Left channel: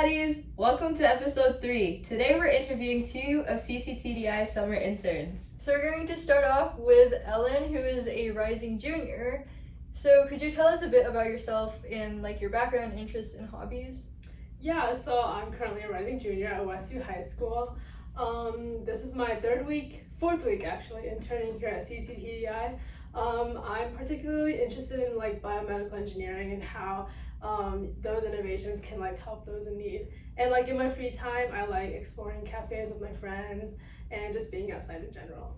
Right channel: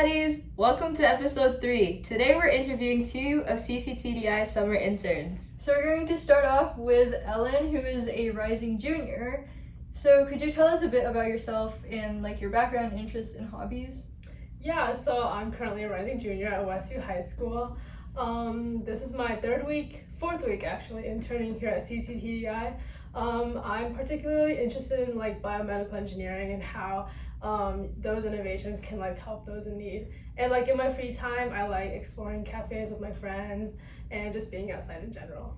baddies! Welcome to episode 3. Today we're interviewing 2 of cc-TDI summer interns. So we're going to start off with Ellen, who is a rising junior. So could you tell us a bit about yourself and your background, interests, and hobbies? Yeah, so I'm currently a rising junior at Westview High School. This is my fourth week actually, interning here at cc-TDI. I'm particularly interested in biomedical engineering and how those innovations can help those in need. And in my free time, I like exploring cafes with my friends and just being outside in general.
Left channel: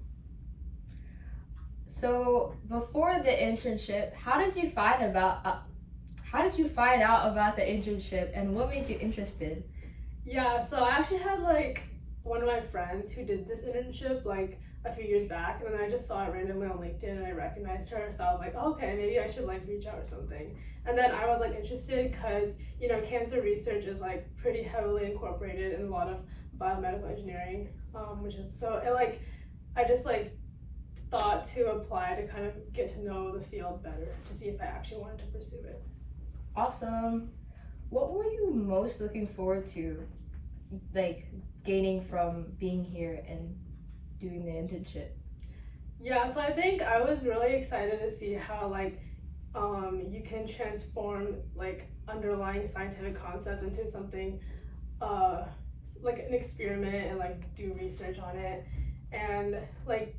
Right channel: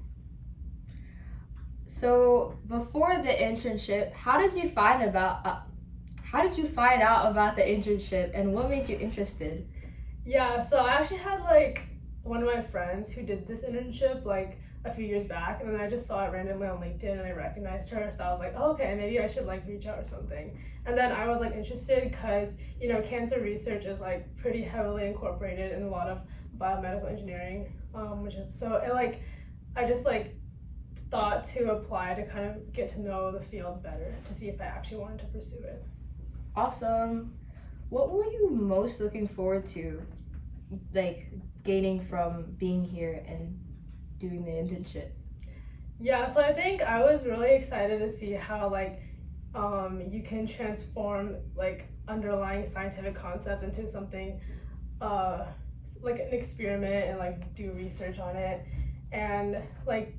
So before the internship, how did you find out about the internship and what made you interested? Yeah, so I actually had one of my friends who did this internship a few years back, and then I just saw it randomly on LinkedIn and I recognized her, so I was like, oh, okay, maybe I should reach out or something. And then I was interested because cancer research is pretty heavily incorporated in a lot of biomedical engineering, which is so I just thought to apply to kind of get to know the field better to see if I actually wanted to pursue it. Awesome. What were you most looking forward to gaining from being here and doing the internship? Yeah, so I think I was really excited to see how you can transform underlying scientific concept into something an experiment and do research on it, and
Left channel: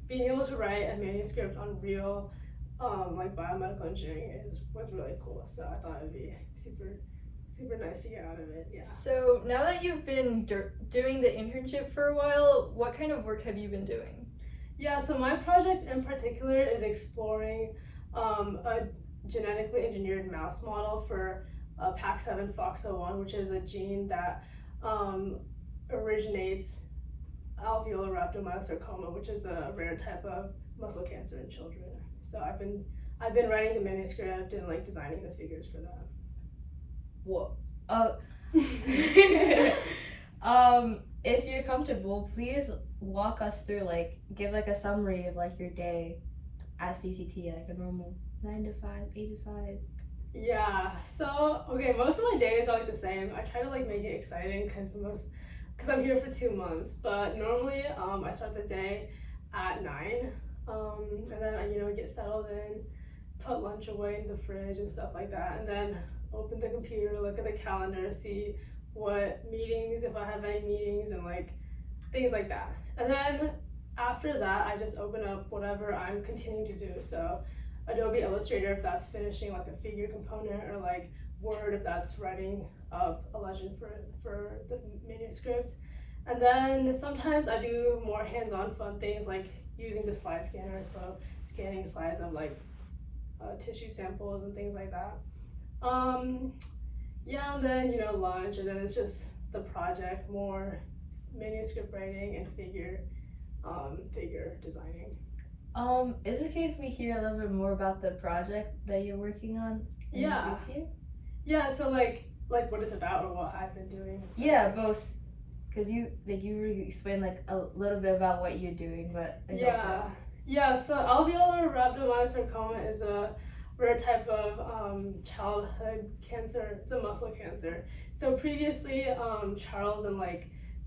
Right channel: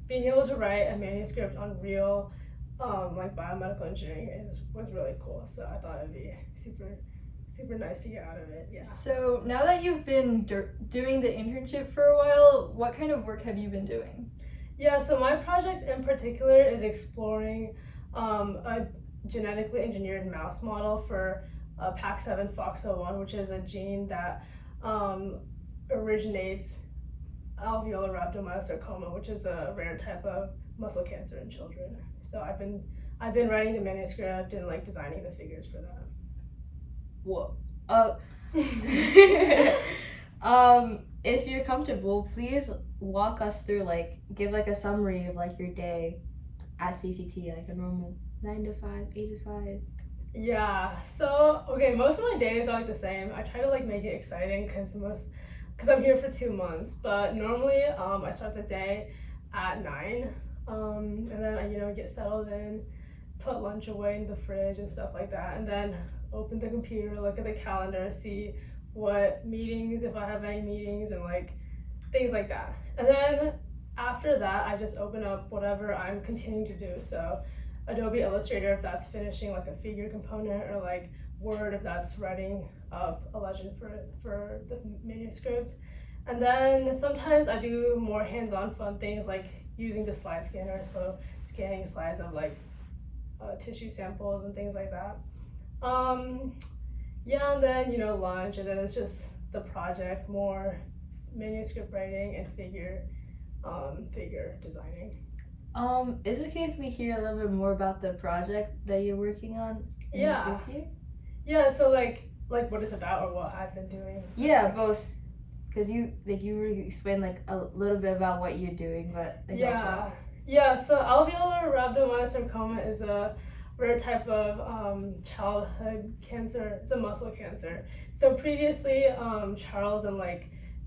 being able to write a manuscript on real biomedical engineering was really cool. So I thought it'd be super nice to get out of it. Yeah. So now that you've been doing the internship for a while, what kind of work have you been doing? Yeah, so my project in particular is exploring a genetically engineered mouse model for PAX7 FOXO1, which is a gene that originates alveolar rhabdomyosarcoma, which is a rare type of muscle cancer in children. So I've been writing the manuscript and designing the figures for that. Whoa. If you're comfortable, please walk us through, give a summary of your day at cc-TDI, a normal 9 to 5, 8 to 5. Yeah, so okay, most of my days are the same. I try to make it exciting because I'm here for 2 months, but normally I start the day at 9, and then I get settled in, put lunch away in the fridge and stuff like that, and then open the computer, look at the calendar, see what meetings, if I have any meetings, and things like that. And then after that, I just open up whatever I'm continuing to do. So Adobe Illustrator if that's finishing a figure component, or Word if that's writing up a legend for the manuscript. And then sometimes I do more hands-on fun things using the slide scanner, so scanning slides of tissue samples and things like that. Yeah, and then lunch, and then it's just the project, more manuscript writing and figure designing. Is it okay if we hear a little bit more about the project that you're working on? Yeah. Yeah, so what it's about or what I've been doing. Yeah, both. Because you really explained a little bit about what you're doing, but yeah. So alveolar rhabdomyosarcoma is a rare type of childhood cancer. It's a muscle cancer. So previously, Charles and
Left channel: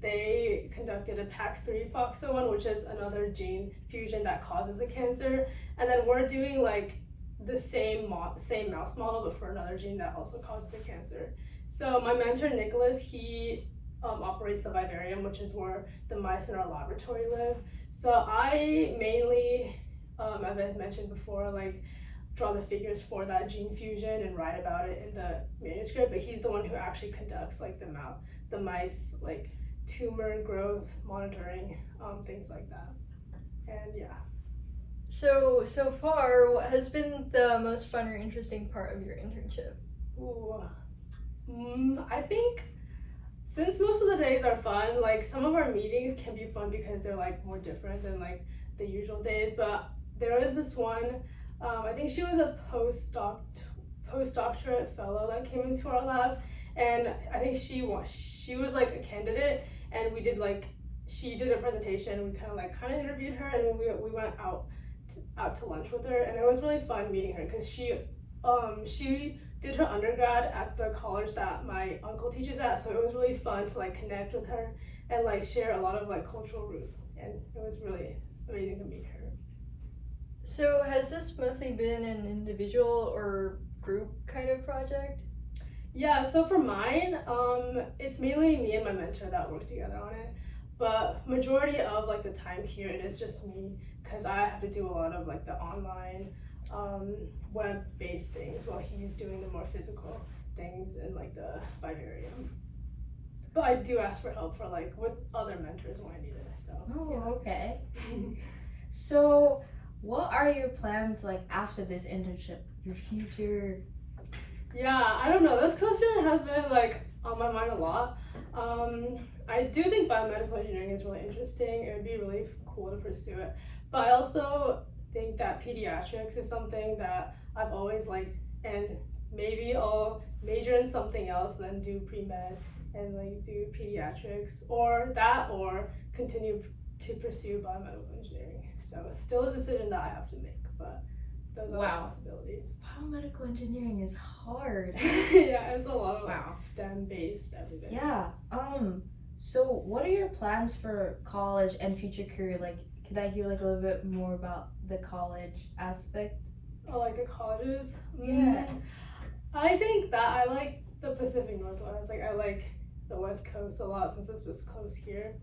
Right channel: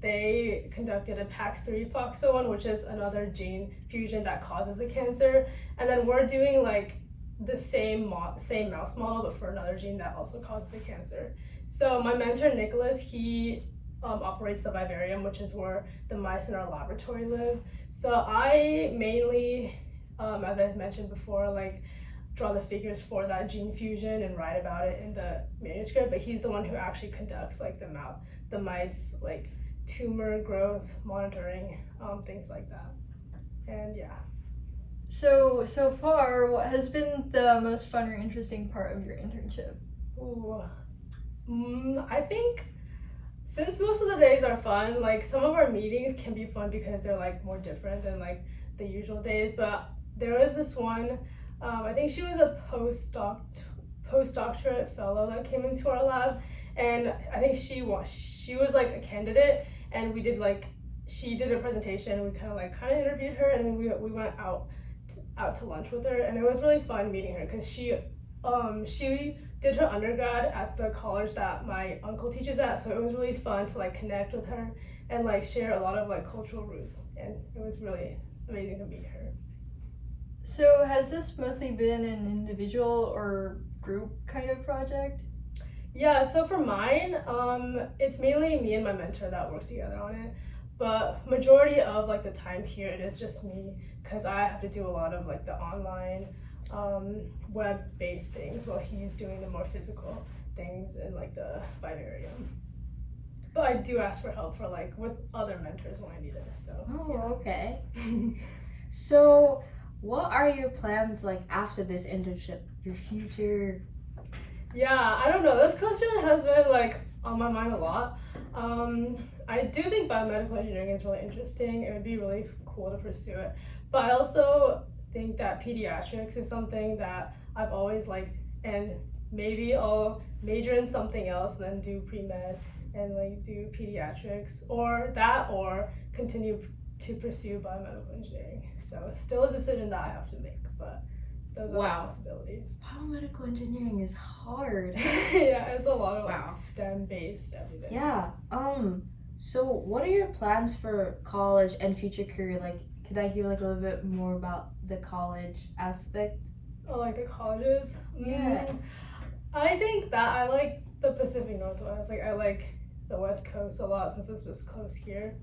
they conducted a PAX3 FOXO1, which is another gene fusion that causes the cancer, and then we're doing the same mouse model, but for another gene that also causes the cancer. So my mentor Nicholas, he operates the vivarium, which is where the mice in our laboratory live. So I mainly, as I've mentioned before, draw the figures for that gene fusion and write about it in the manuscript, but he's the one who actually conducts the mice tumor growth monitoring, things like that. And yeah. So far, what has been the most fun or interesting part of your internship? Ooh. I think since most of the days are fun, some of our meetings can be fun because they're more different than the usual days, but there was this one, I think she was a postdoctorate fellow that came into our lab, and I think she was a candidate, and we did she did a presentation, we kind of interviewed her, and then we went out to lunch with her, and it was really fun meeting her because she did her undergrad at the college that my uncle teaches at, so it was really fun to like connect with her and like share a lot of like cultural roots, and it was really amazing to meet her. So has this mostly been an individual or group kind of project? Yeah, so for mine, it's mainly me and my mentor that work together on it, but majority of like the time here it is just me, because I have to do a lot of like the online web-based things while he's doing the more physical things in like the vivarium. But I do ask for help for like with other mentors when I need it. So. Oh, okay. So, what are your plans like after this internship? Your future? Yeah, I don't know. This question has been like on my mind a lot. I do think biomedical engineering is really interesting. It would be really cool to pursue it. But I also think that pediatrics is something that I've always liked, and maybe I'll major in something else, then do pre-med and like do pediatrics, or continue to pursue biomedical engineering. So it's still a decision that I have to make, but those are the possibilities. Biomedical engineering is hard. Yeah, it's a lot of like STEM-based everything. Yeah. So what are your plans for college and future career? Like, could I hear like a little bit more about the college aspect? Oh, like the colleges? Yeah. I think that I like the Pacific Northwest. Like I like the West Coast a lot since it's just close here.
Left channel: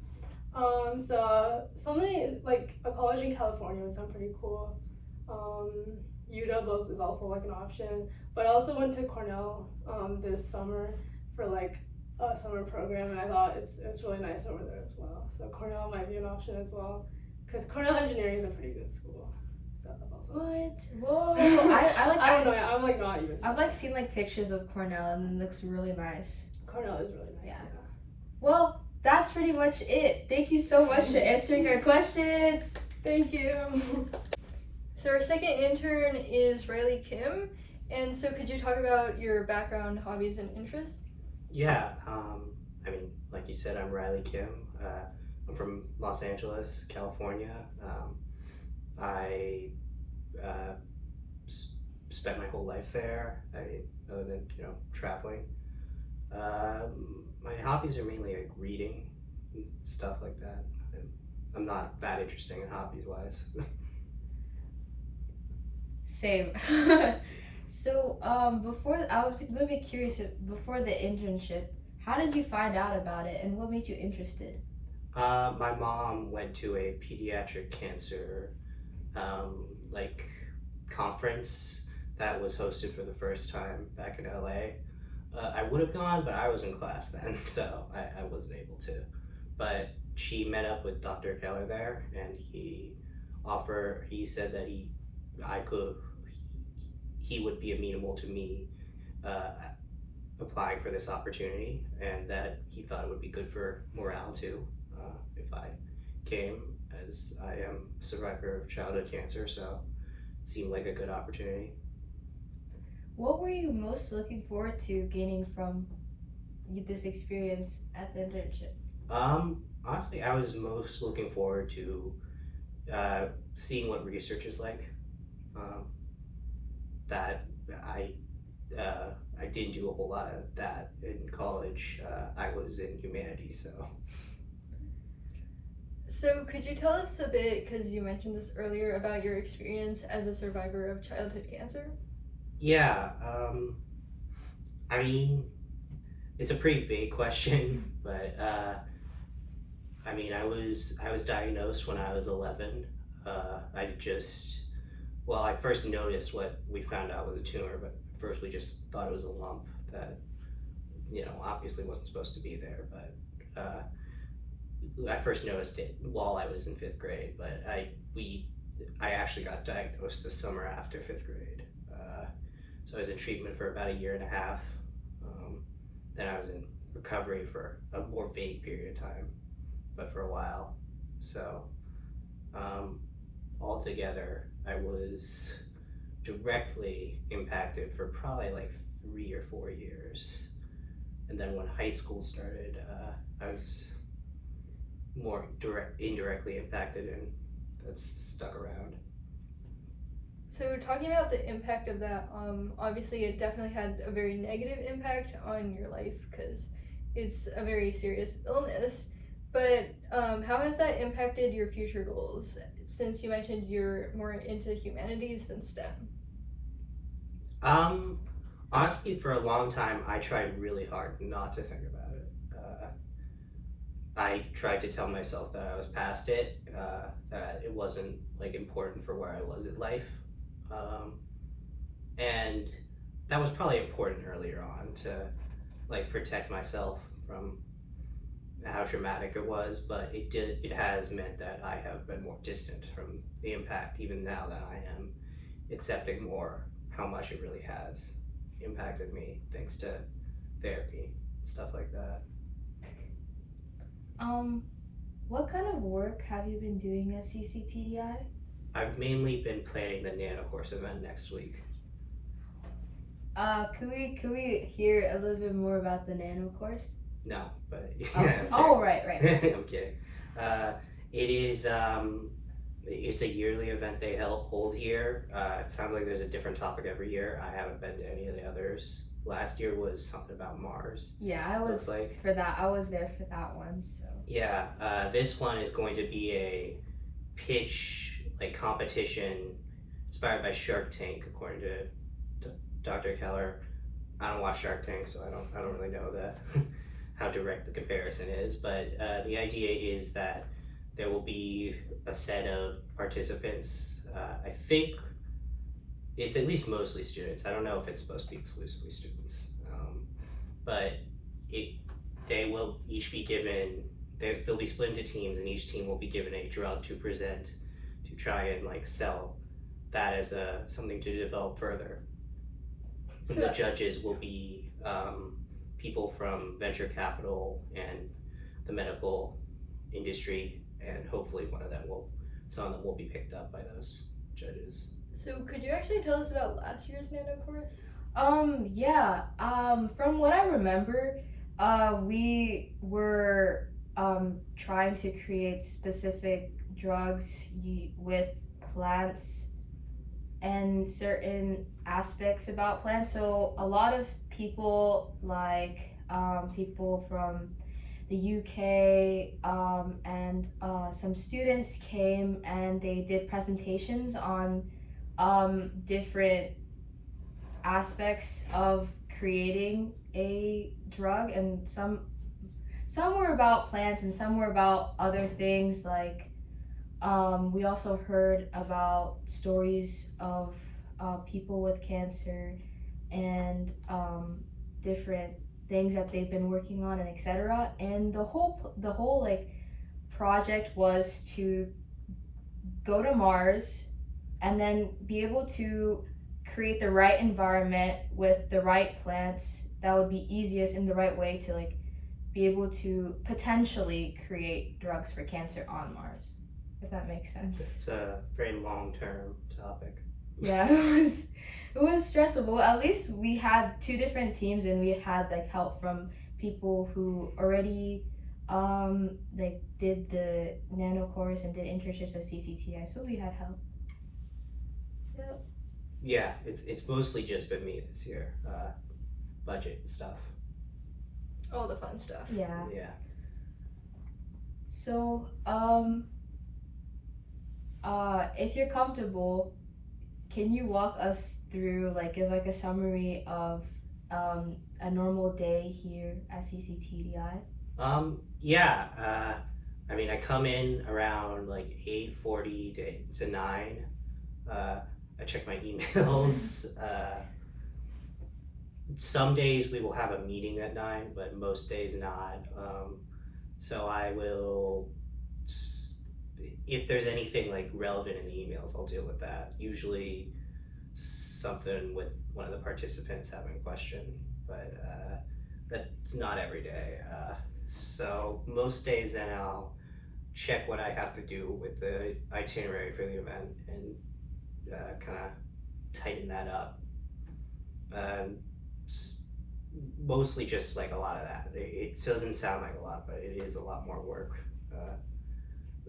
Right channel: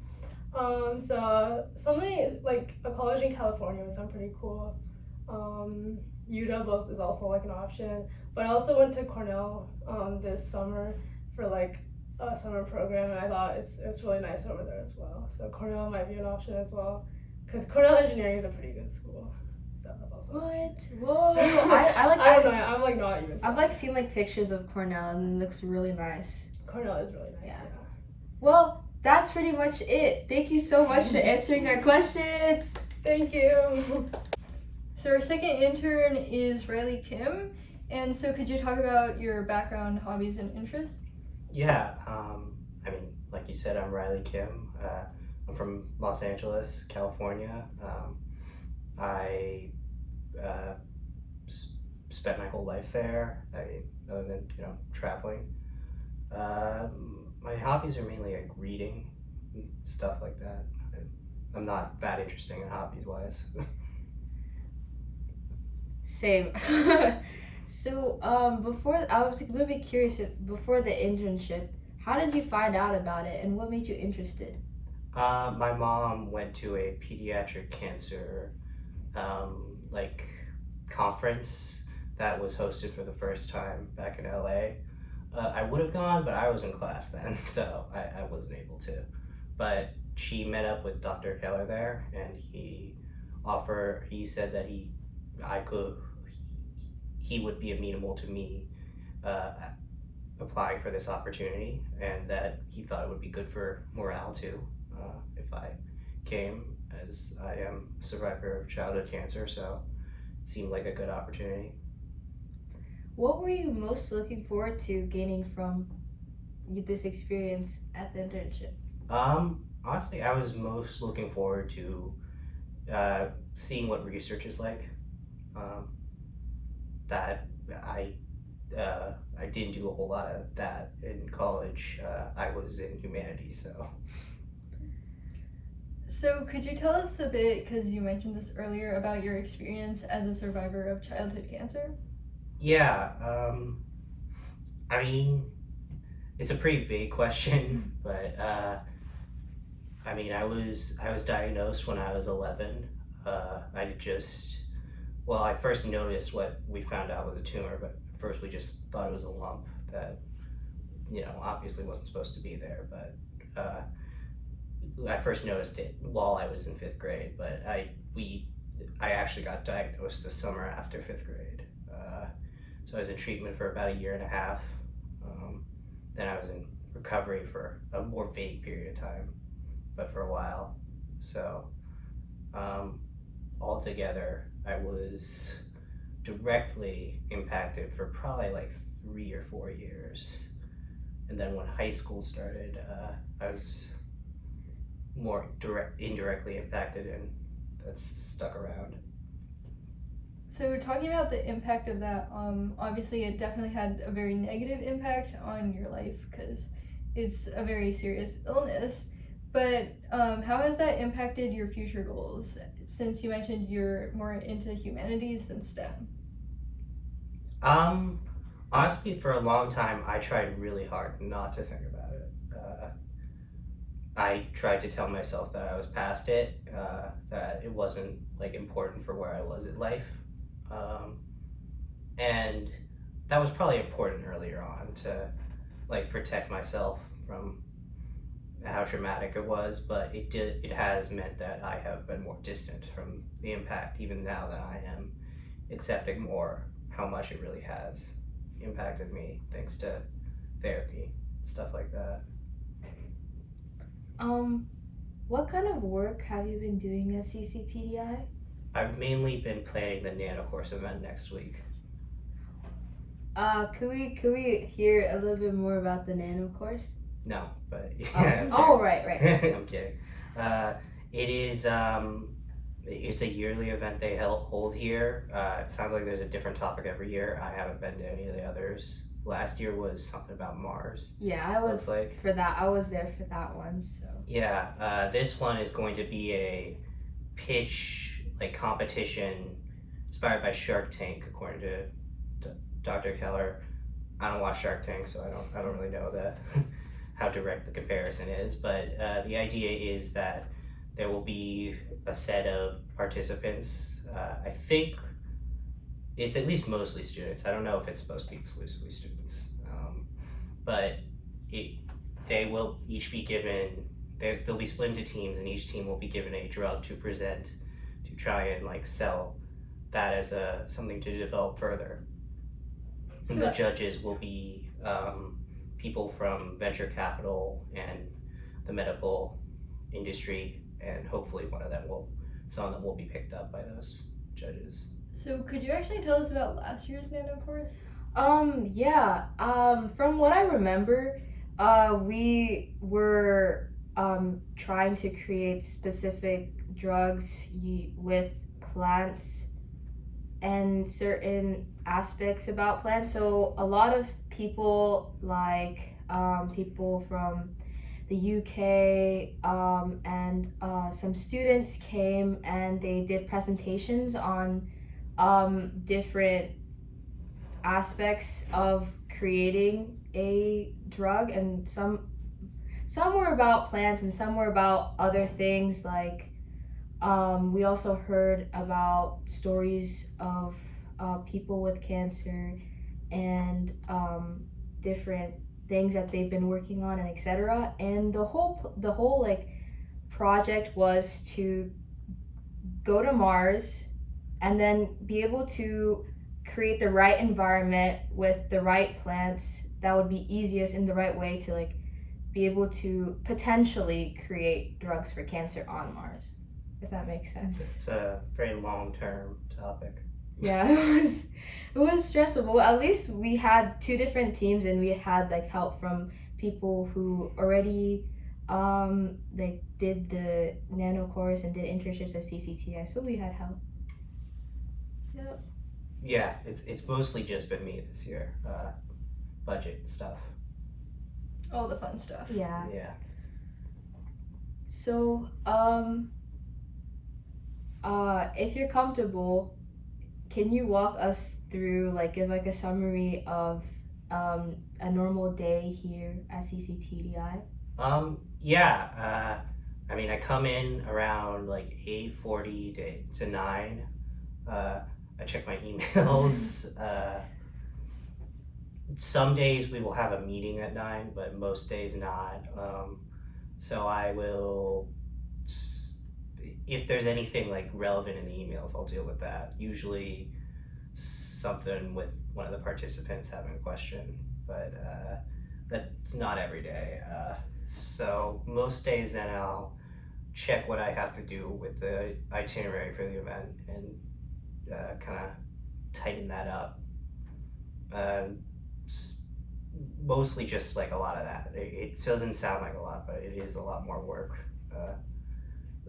So something like a college in California would sound pretty cool. UW is also like an option, but I also went to Cornell this summer for like a summer program, and I thought it's really nice over there as well. So Cornell might be an option as well, because Cornell engineering is a pretty good school. So that's also Whoa! I don't know. I'm like not even. I've like seen like pictures of Cornell, and it looks really nice. Cornell is really nice. Yeah. Well, that's pretty much it. Thank you so much for answering our questions. Thank you. So our second intern is Riley Kim, and so could you talk about your background, hobbies, and interests? Yeah, I mean, like you said, I'm Riley Kim. I'm from Los Angeles, California. I spent my whole life there. Other than traveling. My hobbies are mainly like reading, and stuff like that. I'm not that interesting in hobbies wise. Same. So, before, I was a little bit curious, before the internship, how did you find out about it and what made you interested? My mom went to a pediatric cancer conference that was hosted for the first time back in LA. I would have gone, but I was in class then, so I wasn't able to. But she met up with Dr. Keller there, and he said that he would be amenable to me applying for this opportunity, and that he thought it would be good for morale too if I came, as I am a survivor of childhood cancer, so it seemed like a good opportunity. What were you most looking forward to gaining from this experience at the internship? Honestly, I was most looking forward to seeing what research is like. That I didn't do a whole lot of that in college. I was in humanities, so. So could you tell us a bit, because you mentioned this earlier, about your experience as a survivor of childhood cancer? Yeah, I mean, it's a pretty vague question, but I mean, I was diagnosed when I was 11. I first noticed what we found out was a tumor, but first we just thought it was a lump that, obviously wasn't supposed to be there. But I first noticed it while I was in 5th grade, but I actually got diagnosed the summer after 5th grade. So I was in treatment for about 1.5 years. Then I was in recovery for a more vague period of time, but for a while. So altogether, I was directly impacted for probably like 3 or 4 years. And then when high school started, I was more indirectly impacted, and that's stuck around. So So talking about the impact of that, obviously it definitely had a very negative impact on your life because it's a very serious illness. But how has that impacted your future goals? Since you mentioned you're more into humanities than STEM. Honestly, for a long time, I tried really hard not to think about it. I tried to tell myself that I was past it, that it wasn't like important for where I was in life, and that was probably important earlier on to like protect myself from how traumatic it was. But it has meant that I have been more distant from the impact, even now that I am accepting more how much it really has impacted me thanks to therapy, stuff like that. What kind of work have you been doing at cc-TDI? I've mainly been planning the nanocourse event next week. Could we hear a little bit more about the nanocourse? No, but yeah. Oh, right. I'm kidding. It is it's a yearly event they hold here. It sounds like there's a different topic every year. I haven't been to any of the others. Last year was something about Mars. Yeah, I was like for that. I was there for that one. So yeah, this one is going to be a pitch like competition inspired by Shark Tank, according to Dr. Keller. I don't watch Shark Tank, so I don't really know how direct the comparison is. But the idea is that there will be a set of participants. I think it's at least mostly students. I don't know if it's supposed to be exclusively students, but they will each be given. They'll be split into teams, and each team will be given a drug to present to try and like sell that as something to develop further. And the judges will be people from venture capital and the medical industry, and hopefully some of them will be picked up by those judges. So could you actually tell us about last year's nanocourse? Yeah. From what I remember, we were trying to create specific drugs with plants and certain aspects about plants. So a lot of people, like people from the UK and some students came and they did presentations on different aspects of creating a drug, and some were about plants and some were about other things. Like we also heard about stories of people with cancer and different things that they've been working on and etc. And the whole like project was to go to Mars and then be able to create the right environment with the right plants that would be easiest in the right way to like be able to potentially create drugs for cancer on Mars, if that makes sense. It's a very long-term topic. Yeah, it was stressful. At least we had 2 different teams and we had like help from people who already like did the nano course and did internships at cc-TDI, so we had help. Yep. Yeah, it's mostly just been me this year. Budget stuff. All the fun stuff. Yeah. So if you're comfortable, can you walk us through, like, give like a summary of a normal day here at cc-TDI? Yeah. I mean, I come in around like 8:40 to 9. I check my emails. Some days we will have a meeting at 9, but most days not. So I will, if there's anything like relevant in the emails, I'll deal with that. Usually something with one of the participants having a question, but that's not every day. So most days then I'll check what I have to do with the itinerary for the event and kind of tighten that up. Mostly just like a lot of that. It doesn't sound like a lot, but it is a lot more work,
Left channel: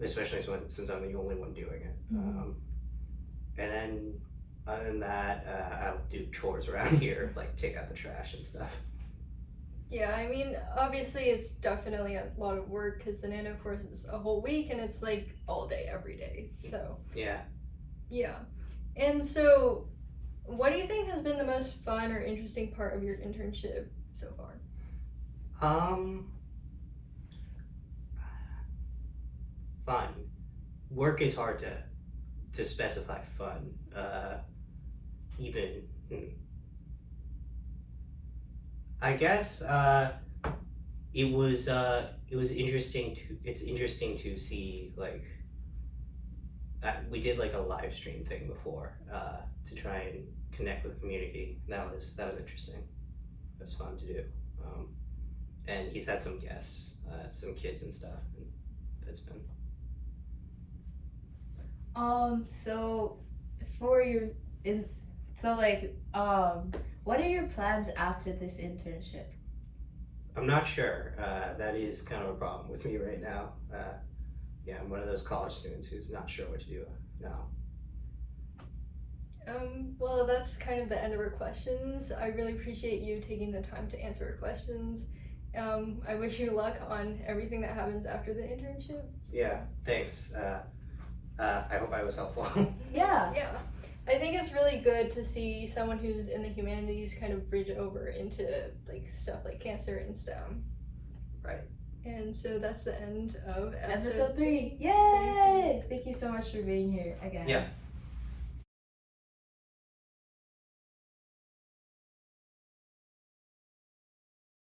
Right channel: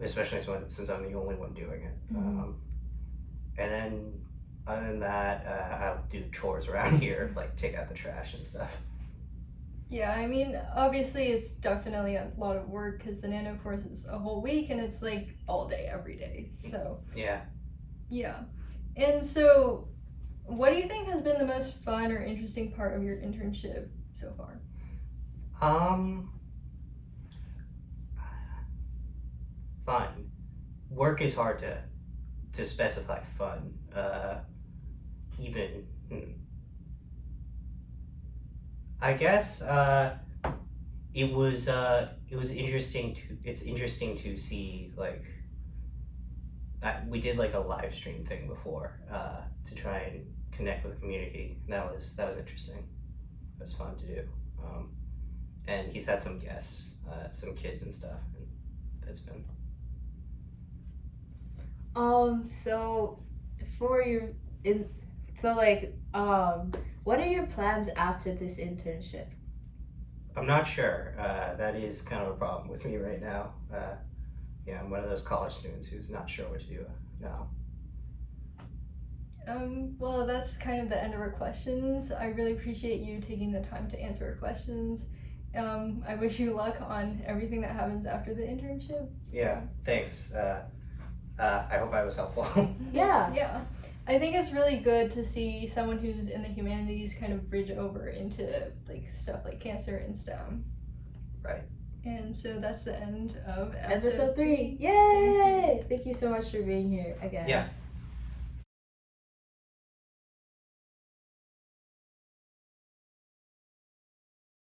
especially since I'm the only one doing it. Mm-hmm. And then other than that, I'll do chores around here, like take out the trash and stuff. Yeah, I mean, obviously it's definitely a lot of work because the nano course is a whole week and it's like all day, every day. So, Yeah. yeah. And so, what do you think has been the most fun or interesting part of your internship so far? Fun. Work is hard to specify fun. Even I guess it was interesting to it's interesting to see like we did like a live stream thing before to try and connect with the community. That was interesting. It was fun to do. And he's had some guests, some kids and stuff, and that's been. So for your what are your plans after this internship? I'm not sure. That is kind of a problem with me right now. Yeah, I'm one of those college students who's not sure what to do now. Well, that's kind of the end of our questions. I really appreciate you taking the time to answer our questions. I wish you luck on everything that happens after the internship. Yeah, thanks. I hope I was helpful. Yeah. Yeah. I think it's really good to see someone who's in the humanities kind of bridge over into like stuff like cancer and STEM. Right. And so that's the end of Episode 3. Yay! Thank you so much for being here again. Yeah.